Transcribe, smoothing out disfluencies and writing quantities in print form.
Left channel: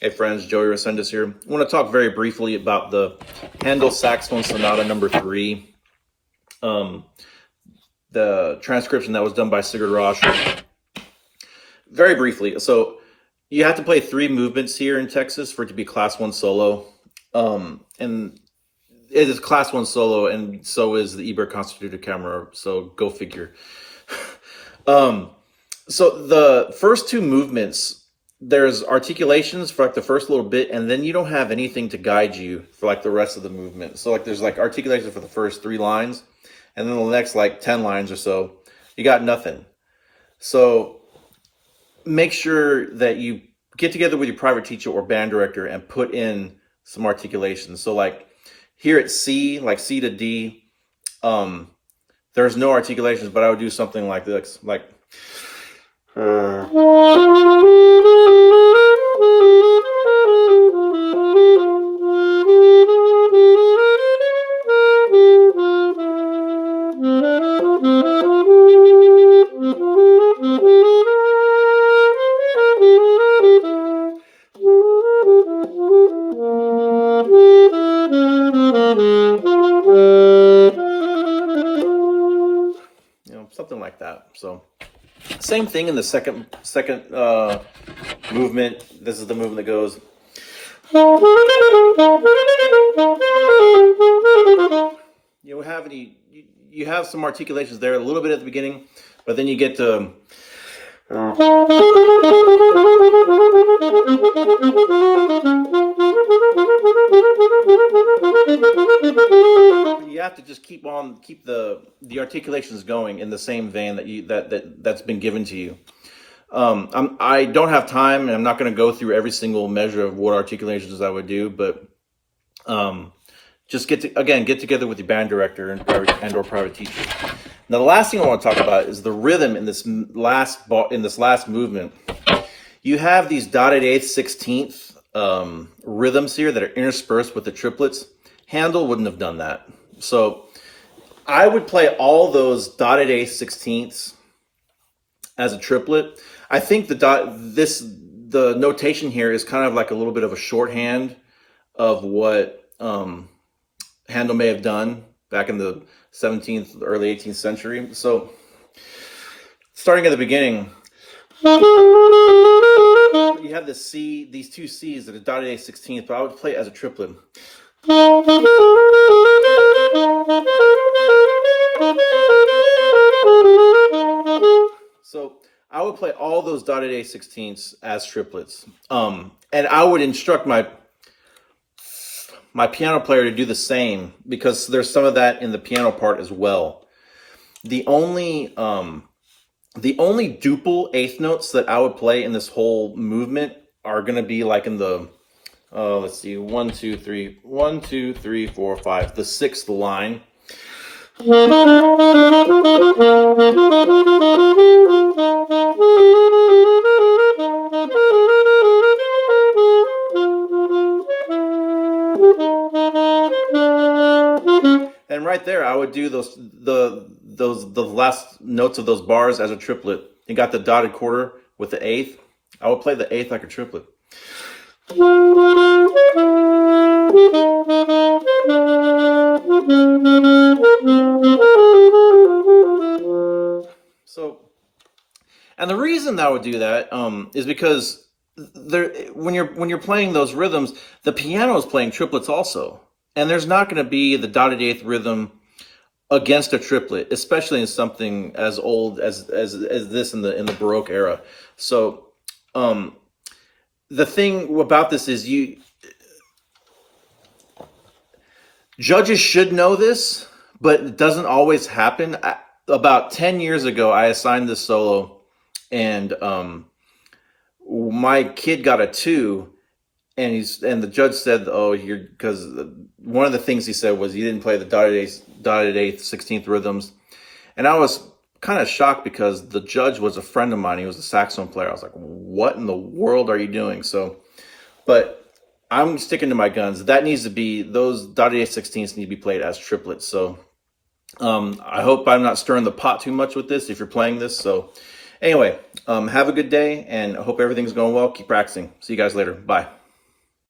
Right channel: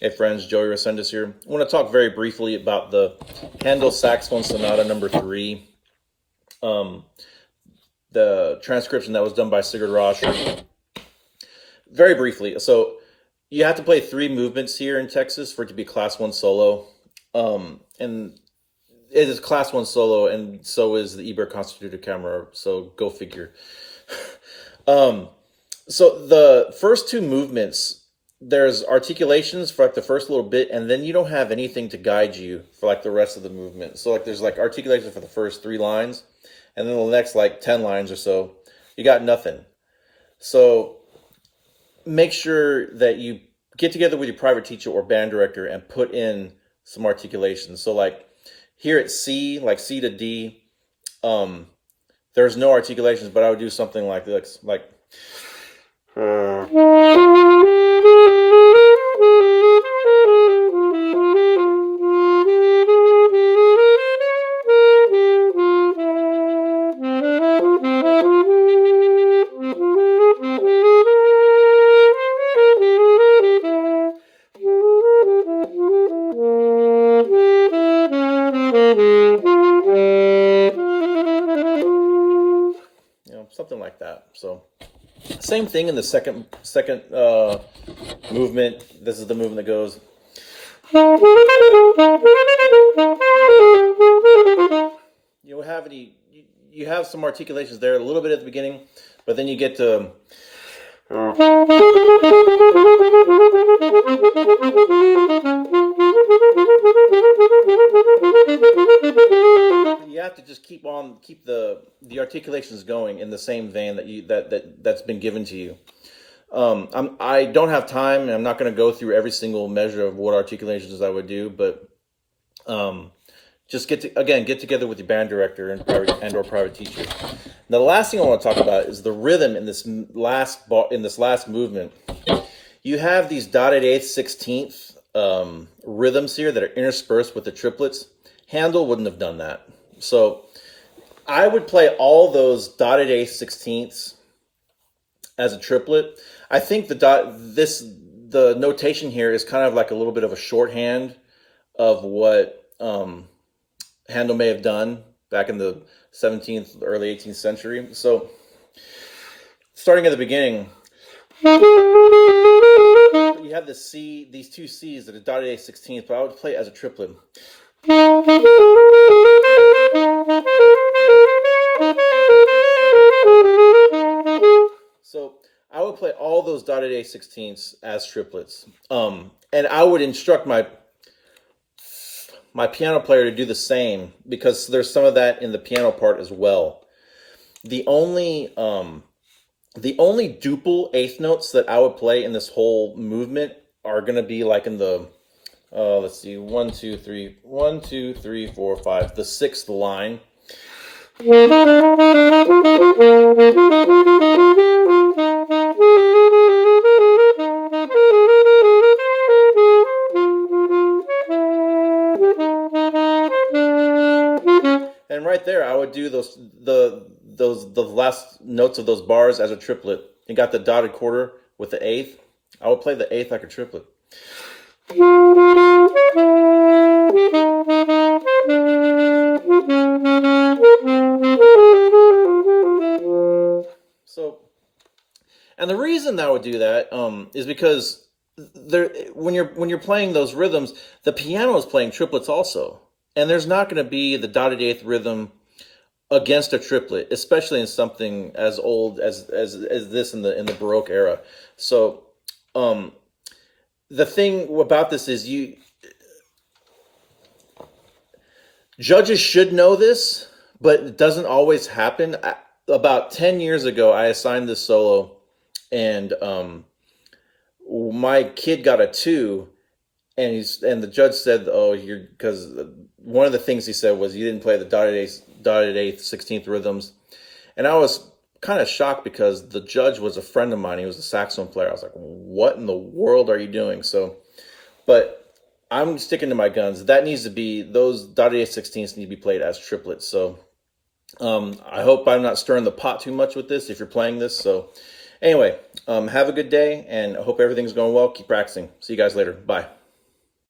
Hey friends, Joey Resendez here. I want to talk very briefly about the Handel Saxophone Sonata number 3, the transcription that was done by Sigurd Rosch. Very briefly, so you have to play 3 movements here in Texas for it to be Class 1 solo. And it is Class 1 solo, and so is the Eber Constituted Camera, so go figure. So the first 2 movements, there's articulations for like the first little bit, and then you don't have anything to guide you for like the rest of the movement. So like there's like articulation for the first 3 lines, and then the next like 10 lines or so, you got nothing. So make sure that you get together with your private teacher or band director and put in some articulations. So like here at C, like C to D, there's no articulations, but I would do something like this, like something like that. So same thing in the second movement. This is the movement that goes. You have some articulations there, a little bit at the beginning, but then you get to you have to just keep the articulations going in the same vein that's been given to you. I don't have time, and I'm not going to go through every single measure of what articulations I would do, but just get together with your band director and or private teacher. Now, the last thing I want to talk about is the rhythm in this last movement. You have these dotted eighth, 16th rhythms here that are interspersed with the triplets. Handel wouldn't have done that. So I would play all those dotted eighth, 16ths as a triplet. I think the notation here is kind of like a little bit of a shorthand of what Handel may have done back in the 17th, early 18th century. So starting at the beginning, you have this C, these 2 C's that are dotted eighth, 16th, but I would play it as a triplet. So I would play all those dotted eighth, 16ths as triplets. And I would instruct my piano player to do the same, because there's some of that in the piano part as well. The only duple eighth notes that I would play in this whole movement are going to be like in the let's see, 1 2 3 1 2 3 4 5, the 6th line. And right there, I would do the last notes of those bars as a triplet. You got the dotted quarter with the 8th. I would play the 8th like a triplet. So, and the reason I would do that is because when you're playing those rhythms, the piano is playing triplets also. And there's not going to be the dotted eighth rhythm against a triplet, especially in something as old as this in the Baroque era. So the thing about this is judges should know this, but it doesn't always happen. About 10 years ago, I assigned this solo, and my kid got a 2. And the judge said, "Oh, because one of the things he said was you didn't play the dotted eighth, 16th rhythms," and I was kind of shocked because the judge was a friend of mine. He was a saxophone player. I was like, "What in the world are you doing?" So, but I'm sticking to my guns. That needs to be those dotted eighth, 16ths need to be played as triplets. So, I hope I'm not stirring the pot too much with this if you're playing this. So, anyway, have a good day, and I hope everything's going well. Keep practicing. See you guys later. Bye.